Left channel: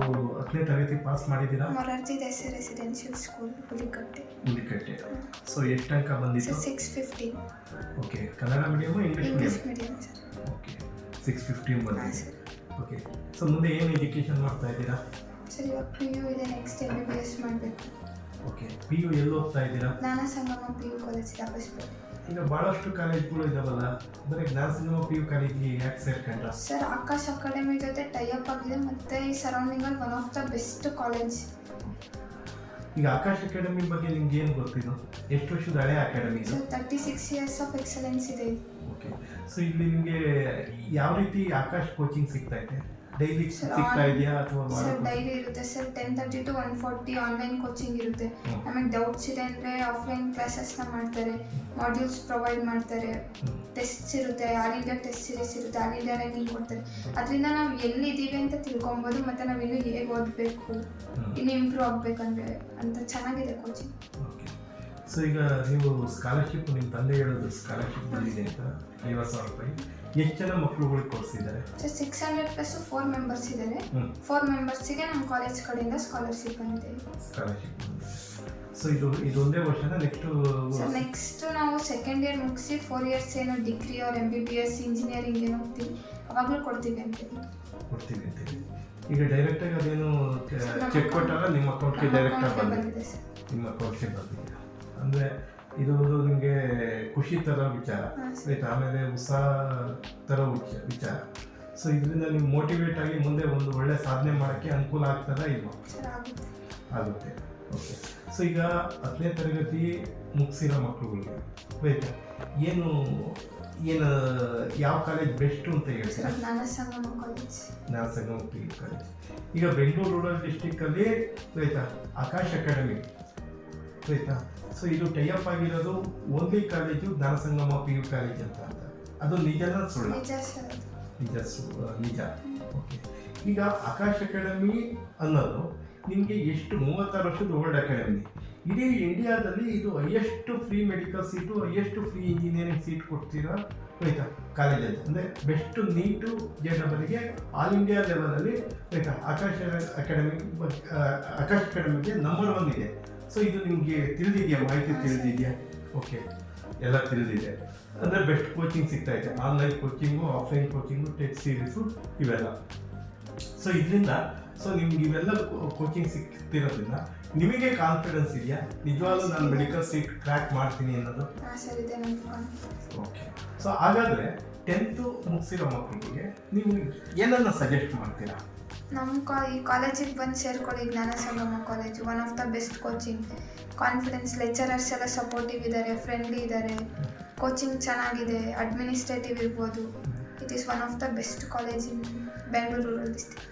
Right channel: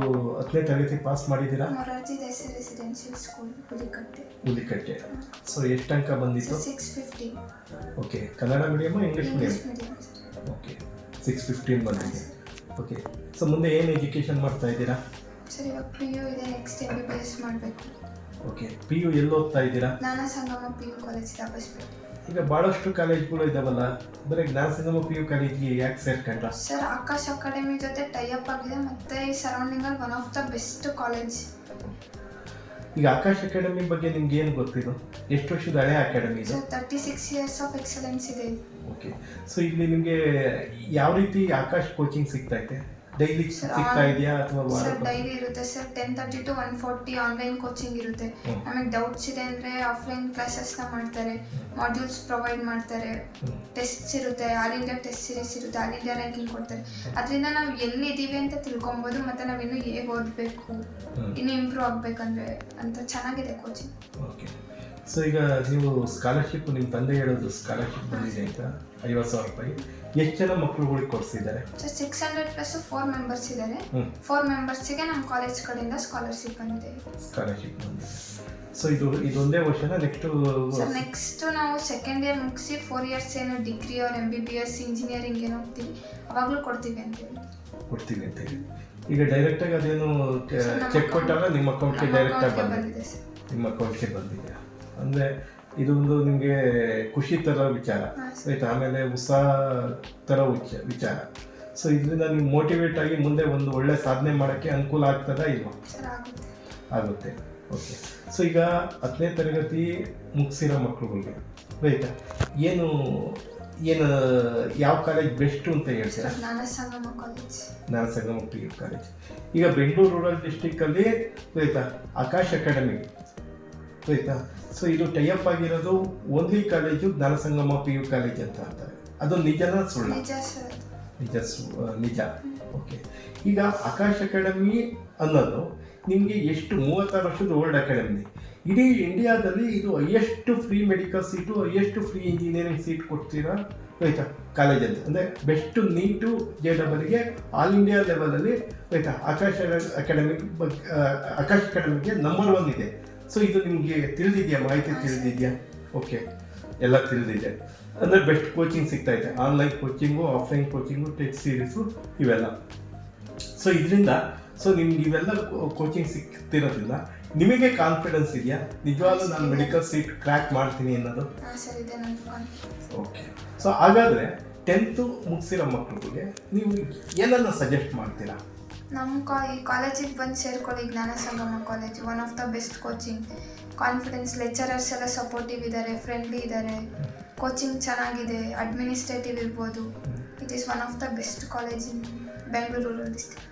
ನೀವು 10ನೇ ತರಗತಿ ಪಾಸ್ ಮಾಡಿದ್ದೀರಾ? Morarji Desai residential school Hulikatte. So ಎಷ್ಟು ಅಂಕ ಬಂದಿತ್ತು? 650. Okay, Kannada medium English English medium? Medium sir. Okay, 615 ಬಂದಿದೆ. ಸರ್. ಓಕೆ, ಸೊ ಮುಂದೆ ಏನು ಎಜುಕೇಷನ್ ಮಾಡ್ತಾ ಇದ್ದೀರಾ? ಸರ್ ಇವಾಗ PU ಇದೆ, ನೆಕ್ಸ್ಟ್ MBBS ಮಾಡಬೇಕು. ಓಕೆ, PU ಎಲ್ಲಿ ಓದ್ತಾ ಇದ್ದೀರಾ? ಜ್ಞಾನ ಸಂಗಮ PU ಕಾಲೇಜ್ ದಾಬಸ್ಪೇಟೆ. ಈಗ ಭಾಳಷ್ಟು ಕಾಲೇಜ್ಗಳು ಇದಾವಲ್ಲ, ಬರೀ ಜ್ಞಾನ ಸಂಗಮ PU ಕಾಲೇಜ್ಗೆ ಯಾಕೆ ಸೇರ್ಕೊಂಡ? ಸರ್ ಆಕಾಶ್ ಅಕಾಡೆಮಿ ಜೊತೆ ಟೈಅಪ್ ಆಗಿದೆ, ಮತ್ತು ಈ ಸರೌಂಡಿಂಗಲ್ಲಿ one of the best college. ಈಗ ಆಕಾಶ್ ಅಕಾಡೆಮಿ ಬಗ್ಗೆ ನಿಮ್ಗೆ ಏನು ಗೊತ್ತಿದೆ? ಎಷ್ಟು ವರ್ಷದ ಹಳೆ ಅಕಾಡೆಮಿ ಇದು? ಸರ್ 36 ಇಯರ್ಸ್ ಆಫ್ ಎಕ್ಸಲೆನ್ಸ್ ಇದೆ ಇದು. ಓಕೆ, ಸೊ ಇಲ್ಲಿ ನಿಮಗೆ ಯಾವ ರೀತಿ ಆಕಾಶ್ ಕೋಚಿಂಗ್ ಸಿಗ್ತಾ ಇದೆ? ಡೈಲಿ ಸಿಗ್ತಾ ಇದೆಯಾ ಅಥವಾ ಸರ್ ಡೈಲಿ ಇರುತ್ತೆ ಸರ್. 10:30 to 1:40 ಆನ್ಲೈನ್ ಕೋಚಿಂಗ್ ಇರುತ್ತೆ. ನಮಗೆ ಡೌಟ್ಸ್ ಇದೆ ಅಂದರೆ ಆಫ್ಲೈನ್ ಕ್ಲಾಸಸ್ನ ಮಾಡ್ತಾರೆ, ಮಾಡ್ಯೂಲ್ಸ್ ಪ್ರೊವೈಡ್ ಮಾಡ್ತಾರೆ, ಟೆಸ್ಟ್ಸ್ ಇರುತ್ತೆ, ಆಲ್ ಇಂಡಿಯಾ ಟೆಸ್ಟ್ ಸೀರೀಸ್ ಇರುತ್ತೆ, ಆಲ್ ಇಂಡಿಯಾ ರ್ಯಾಂಕಿಂಗ್ ಕೊಡ್ತಾರೆ. ಅದರಿಂದ ನಾವು ಎಲ್ಲಿದ್ದೀವಿ ಅಂತ ತಿಳ್ಕೊಬೋದು, ಮತ್ತು ನಾವಿನ್ನೂ ಹೇಗೆ ಓದಬೇಕು, ಇನ್ನೂ ಇಂಪ್ರೂವ್ ಆಗಬೇಕಂದ್ರೆ ಅಂತ ಚೆನ್ನಾಗಿದೆ ಕೋಚಿಂಗ್. ಓಕೆ, ಸೊ ಈಗ ನೀವು ಸ್ಕಾಲರ್ಶಿಪ್, ನಿಮ್ಮ ತಂದೆ ಹೇಳೋದು ಸ್ಕಾಲರ್ಶಿಪ್ ಬಂದಿದೆ ಅಂತ 50,000 ರೂಪಾಯಿ. ಎಷ್ಟು ಜನ ಮಕ್ಕಳುಗಳಿಗೆ ಕೊಡಿಸಿದ್ದಾರೆ? ಸರ್ 600 ಪ್ಲಸ್ 4 ಮೆಂಬರ್ಸ್ ಇದ್ದಾರೆ. 4 ಮೆಂಬರ್ಸಿಗೆ ನಮ್ಮ ಕಾಲೇಜ್ ಕಡೆಯಿಂದ ಸ್ಕಾಲರ್ಶಿಪ್ ಬಂದಿದೆ. ಸ್ಕಾಲರ್ಶಿಪ್ ಬಂದಿದೆ. ಸೊ ಇದೊಂದೇ ವರ್ಷನ ಸರ್ ನೆಕ್ಸ್ಟ್ ನಾವು ಸೆಕೆಂಡ್ ಇಯರ್ ಮುಗಿಸಿ 4 ಇಯರ್ಸ್ ಏನು ಡಿಗ್ರಿ ಅವ್ರ MBBS ಇಂಜಿನಿಯರಿಂಗ್ ಏನು ಹೋಗ್ತೀವಿ ಅವಾಗಲೂ ಕೊಡ್ತೀವಿ ಅಂತ ಕೊಡ್ತೀವಿ ಅಂತ ಹೇಳಿ. ಈಗ ಡೈರೆಕ್ಟಾಗಿ ಅದೇನು ಚೆಕ್ ಕೊಟ್ಟಾಗ ನಿಮ್ಮ ಅಕೌಂಟ್ಗೆ ಡೈರೆಕ್ಟಾಗಿ ಬಂದಿದೆ ಸರ್. ನಿಮ್ಮ ಅಕೌಂಟ್ಗೆ ಬಂದಿದೆ ಅಂದರೆ ಇದು ಒಂದು ನಿಮಗೆ ಖುಷಿ ಥರ ವಿಚಾರ ಆಯ್ತು. ಆಮೇಲೆ ಉತ್ಸಾಹ ಥರ ವಿಚಾರ. ಸೊ ಇದರಿಂದ ನೀವು ಮೋಟಿವೇಟ್ ಆಗಿ ಮುಂದೆ ಒಂದು ಒಳ್ಳೆ ಸಾಧನೆ ಮಾಡೋಕ್ಕೆ ಅನುಕೂಲ ಆಗ್ತದಾ ಇಲ್ವಾ? ಸರ್ ಆಗುತ್ತೆ. ಓಕೆ, ಸೊ ಈಗ 10ನೇ ತರಗತಿ ಮುಗಿಸಿರೋ ಮಕ್ಕಳುಗಳಿಗೆ ಆಯ್ತಾ, ಏನು ಯಾವ ಕಾಲೇಜ್ ಬೆಸ್ಟು ಅಂತ ಹೇಳ್ತೀರಾ? ಜ್ಞಾನ ಸಂಗಮ ಕಾಲೇಜ್. ಜ್ಞಾನ ಸಂಗಮ PU ಕಾಲೇಜ್. ಈಗ ಬೆಂಗಳೂರು ರೂರಲ್ ಡಿಸ್ಟಿಕ್ಕಲ್ಲಿ ಆಯ್ತಾ ಆಕಾಶ್ ಅಕಾಡೆಮಿ ಆಯ್ತಾ. ಸೊ ಇದು ಟೈಅಪ್ ಆಗಿರೋದು ಓನ್ಲಿ ಕಾಲೇಜು ಜ್ಞಾನ ಸಂಗಮ PU ಕಾಲೇಜ್ ಅಂತ ಅಂತಾರೆ. ಅದು ನಿಜನಾ ಸುಳ್ಳು? ನಿಜ ಸರ್. ನಿಜ. ಓಕೆ, ಈಗ ಆಕಾಶ್ ಅಕಾಡೆಮಿ ಅನ್ನೋದು ನಿಮಗೆ ಎಷ್ಟು 36 ವರ್ಷದ ಓಲ್ಡ್ ಅಕಾಡೆಮಿ. ಇಡೀ ಇಂಡಿಯಾದಲ್ಲಿ ಇದು highest free medical seat, highest free engineering seat ಕೊಡ್ತೀರಾ ಆಯ್ತಾ ಕಾಲೇಜಲ್ಲಿ. ಅಂದರೆ ಬೆಸ್ಟ್ ನೀಟು JEEಗೆ ಆಲ್ ಇಂಡಿಯಾ ಲೆವೆಲಲ್ಲಿ ಆಯ್ತಾ ಆಕಾಶ್ ಅಕಾಡೆಮಿಗೆ ನಂಬರ್ 1 ಇದೆ. ಸೊ ಇದು ನಿಮಗೆ ತಿಳಿದಿದೆಯಾ? ಮಾಹಿತಿ ತಿಳಿದಿದೆಯಾ? ಓಕೆ, ಎಲ್ಲ ತಿಳಿದಿದೆ. ಅಂದರೆ ಬೆಸ್ಟ್ ಕೋಚಿಂಗ್ ಸಿಗ್ತಾ ಇದೆ, online coaching, offline coaching, test series ಇವೆಲ್ಲ. ಸೊ ಇದರಿಂದ ನಿಮ್ಗೆ ಇವೆಲ್ಲ ಕೋಚಿಂಗ್ ಸಿಗ್ತಿರೋದ್ರಿಂದ ನಿಮಗೆ ಕಾನ್ಫಿಡೆನ್ಸ್ ಇದೆಯಾ ನಿಜವಾಗ್ಲೂ ನಾನು ಮೆಡಿಕಲ್ ಸೀಟ್ ಕ್ರ್ಯಾಕ್ ಮಾಡ್ತೀನಿ ಅನ್ನೋದು? ಓಕೆ, ಸೊ ಹಾಗಾದರೆ 10th ಮುಗಿಸಿರೋ ಮಕ್ಕಳಿಗೆ ನೀವು ಏನನ್ನು ಸಜೆಸ್ಟ್ ಮಾಡ್ತೀರಾ? ನಮ್ಮ ಈ ಕಾಲೇಜಿಗೆ ಬಂದು ಸೇರ್ಕೊಳ್ಳಿ. Jnana Sangama college one of the best coaching. Confidence, lecturers ಎಲ್ಲ ಸಪೋರ್ಟಿವ್ ಇದ್ದಾರೆ, ಫ್ರೆಂಡ್ಲಿ ಇದ್ದಾರೆ, ಕೋಚಿಂಗ್ ಚೆನ್ನಾಗಿದೆ, ಅಡ್ಮಿನಿಸ್ಟ್ರೇಟಿವ್ ಇರ್ಬೋದು. It is one of the best college in Bengaluru rural district.